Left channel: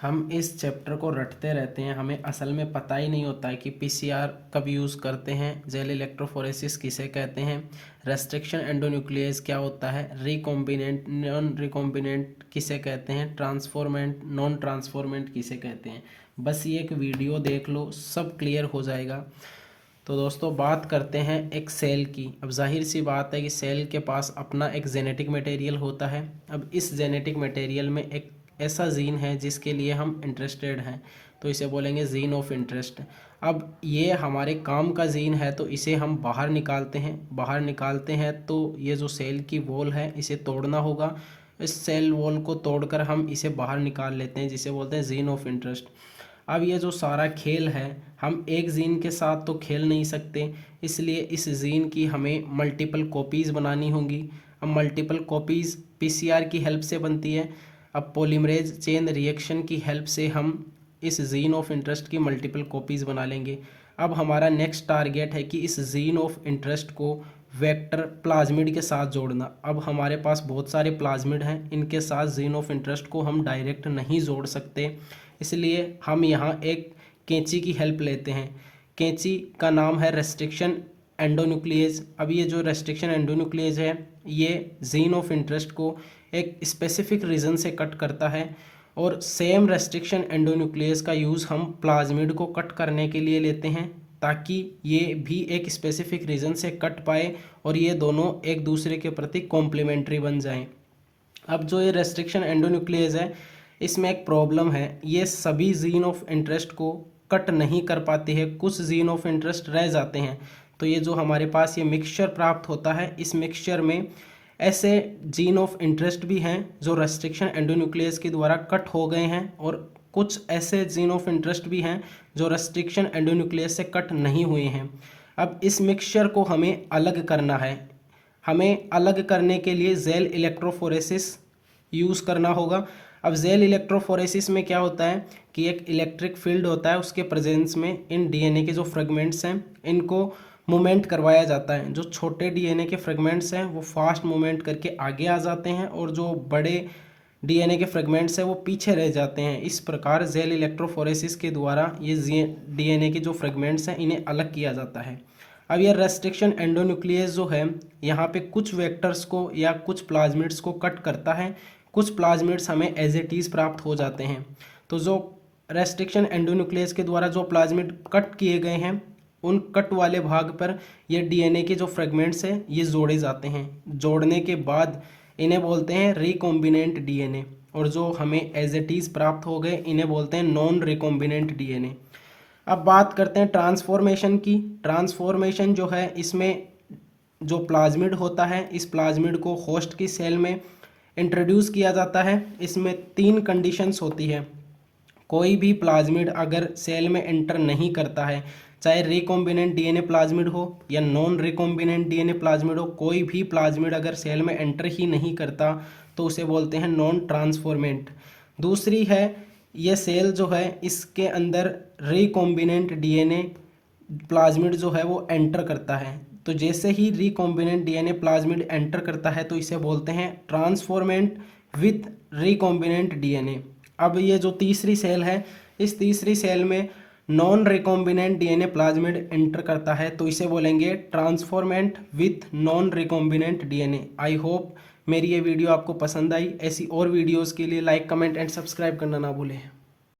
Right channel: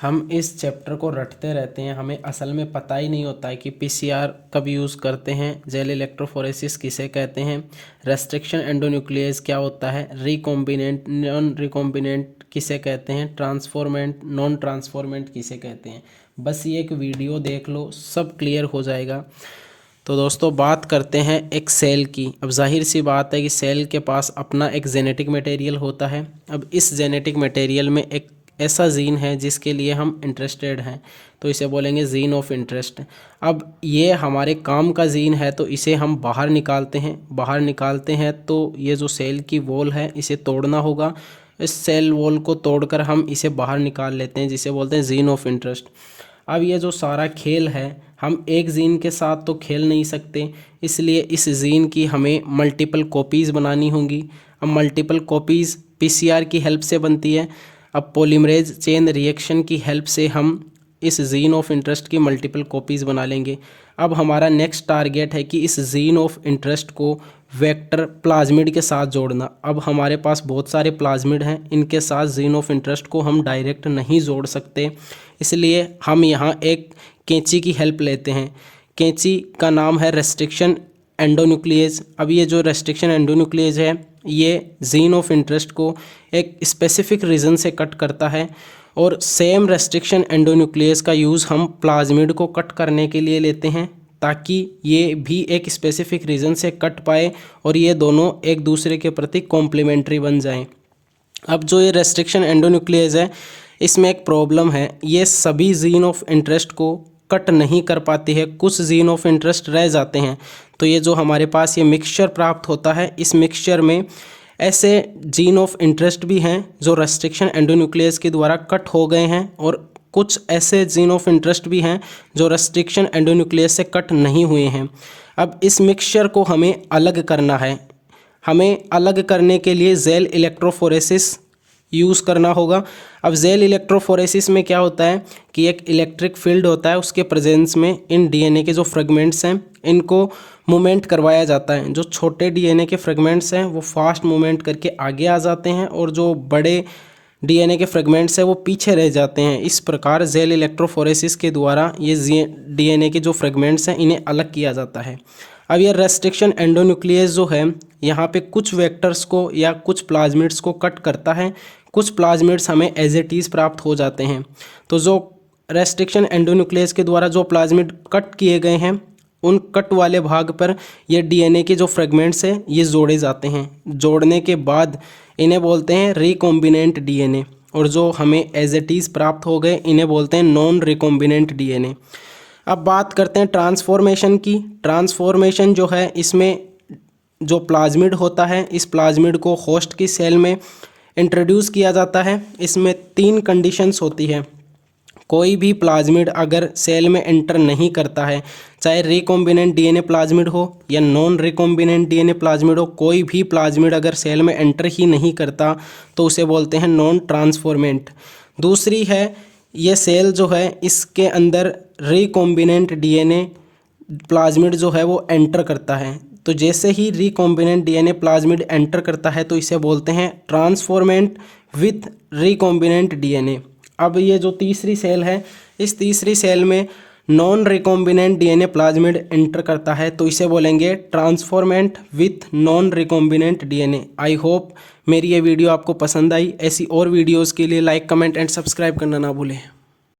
हम इस चैप्टर को रटते रहते हैं, हमें असल में पता ही नहीं होता है कि पीसीआर कब यूज़ करते हैं, जेल इलेक्ट्रोफोरेसिस किसे कहते हैं, रेस्ट्रिक्शन एंडोन्यूक्लियस क्या होता है, रिकॉम्बिनेंट नॉन रिकॉम्बिनेंट किसे कहते हैं, ट्रांसफॉर्मेंट नॉन ट्रांसफॉर्मेंट किसे कहते हैं। बस ये एक वीडियो देख लो, सब क्लियर हो जाएगा। तो दोस्तों बात करते हैं एक सेल की। अब जाहिर सी बात है कि सेल के पास अपना एक जेनेटिक मटेरियल होता है। अब इस जेनेटिक मटेरियल में एक ऐसा जीन है जिसके लिए हम इंटरेस्टेड हैं, तो इसे बोलेंगे जीन ऑफ इंटरेस्ट। अब ये हमारे काम का जीन है, तो इसे हम बाहर निकालते हैं तो ये जो सेल की वॉल है इसे तोड़ना होगा। इस सेल वॉल को तोड़कर हम इसे बाहर निकाल लेते हैं, जिसे बोलते हैं जीन ऑफ इंटरेस्ट। अब ये जो सारा खेल है, हम एक जीन के साथ तो खेल नहीं सकते, इसलिए इस जीन की हमें मल्टीपल कॉपीज़ बनानी होंगी। अब मल्टीपल कॉपीज़ पीसीआर की हेल्प से बनती है। अब पॉलीमरेज चेन रिएक्शन की हेल्प से हम इस जीन ऑफ इंटरेस्ट की मल्टीपल कॉपीज़ बना लेंगे। अब हमारा नेक्स्ट टारगेट है कि इस जीन ऑफ इंटरेस्ट को वेक्टर प्लाज्मिड के साथ जोड़ना। अब हमारे पास बहुत सारे प्लाज्मिड हैं, इनके साथ जीन ऑफ इंटरेस्ट को हम डायरेक्ट नहीं जोड़ सकते, इसलिए हम यहाँ एक कैंची की हेल्प लेते हैं। कैंची का नाम है रेस्ट्रिक्शन एंडोन्यूक्लियस। अब ये जो रेस्ट्रिक्शन एंडोन्यूक्लियस है, ये जीन ऑफ इंटरेस्ट को एक स्पेसिफिक रीजन से कट करता है, और सेम रेस्ट्रिक्शन एंडोन्यूक्लियस का यूज़ हम प्लाज्मिड को कट करने के लिए लेते हैं, ताकि ये भी एक स्पेसिफिक रीजन से कट पाए और ये दोनों एक दूसरे के प्रति कॉम्प्लीमेंट्री बन जाएं। अब जो ये रेस्ट्रिक्शन एंडोन्यूक्लियस है, इसमें एक प्रॉब्लम है, ये सभी जीन ऑफ इंटरेस्ट को कट नहीं कर पाती है, कुछ जीन ऑफ इंटरेस्ट रह जाते हैं। तो ये जो हमारे पास ये मिक्सचर प्राप्त होता है, इस मिक्सचर में ऐसे जीन ऑफ इंटरेस्ट भी हैं जो रेस्ट्रिक्शन एंडोन्यूक्लियस के द्वारा कट हो गए हैं, और कुछ ऐसे जीन ऑफ इंटरेस्ट भी हैं जो रेस्ट्रिक्शन एंडोन्यूक्लियस से कट नहीं हुए हैं। अब इस मिक्सचर को हमें अलग करना है। हमें अलग करने के लिए जेल इलेक्ट्रोफोरेसिस यूज़ करना होगा। अब जेल इलेक्ट्रोफोरेसिस में क्या होता है कि एक इलेक्ट्रिक फील्ड होता है, उसके प्रेजेंस में इन डीएनए के जो फ्रेगमेंट्स हैं इनको मूवमेंट करवाया जाता है। जो छोटे डीएनए के फ्रेगमेंट्स हैं वो फास्ट मूवमेंट करके आगे आ जाते हैं, और जो बड़े डीएनए के फ्रेगमेंट्स हैं वो पीछे रह जाते हैं। इस प्रकार जेल इलेक्ट्रोफोरेसिस के द्वारा ये डीएनए के जो फ्रेगमेंट्स हैं इन्हें अलग किया जाता है। अब ये रेस्ट्रिक्शन एंडोन्यूक्लियस जो है, यहाँ पे कुछ वेक्टर्स को या कुछ प्लाज्मिड्स को कट करता है, कुछ प्लाज्मिड्स हमें एज इट इज़ प्राप्त हो जाते हैं। तो जो रेस्ट्रिक्शन एंडोन्यूक्लियस के द्वारा जो प्लाज्मिड कट किए गए हैं, उन कट वाले भाग पर ये डीएनए के जो फ्रेगमेंट्स हैं ये जोड़े जाते हैं। जोड़ने के बाद इन्हें बोलते हैं रिकॉम्बिनेंट डीएनए, और जो हमें एज इट इज़ प्राप्त हो गए इन्हें बोलते हैं नॉन रिकॉम्बिनेंट डीएनए। अब बात करते हैं ट्रांसफॉर्मेशन की। ट्रांसफॉर्मेशन जो है, इसमें जो प्लाज्मिड होता है, इस प्लाज्मिड को होस्ट की सेल में इंट्रोड्यूस किया जाता है। इसमें 3 कंडीशंस होती है। कोई भी प्लाज्मिड अगर सेल में एंटर नहीं करता है, चाहे रिकॉम्बिनेंट डीएनए प्लाज्मिड हो या नॉन रिकॉम्बिनेंट डीएनए प्लाज्मिड हो, कोई भी प्लाज्मिड अगर सेल में एंटर ही नहीं करता तो उसे बोलते हैं नॉन ट्रांसफॉर्मेंट। दूसरी है, ये सेल जो है इसके अंदर रिकॉम्बिनेंट डीएनए प्लाज्मिड जो है वो एंटर करता है। तो जैसे ही रिकॉम्बिनेंट डीएनए प्लाज्मिड एंटर करता है तो इसे बोलते हैं ट्रांसफॉर्मेंट विथ रिकॉम्बिनेंट डीएनए। अब ये जो तीसरी सेल है, इस तीसरी सेल में non recombinant DNA plasmid enter करता है, तो इसे बोलेंगे transformant with non recombinant DNA. I hope मेरी ये वीडियो आपको पसंद आई। ऐसी और वीडियोज़ के लिए लाइक, कमेंट एंड सब्सक्राइब करना ना भूलें।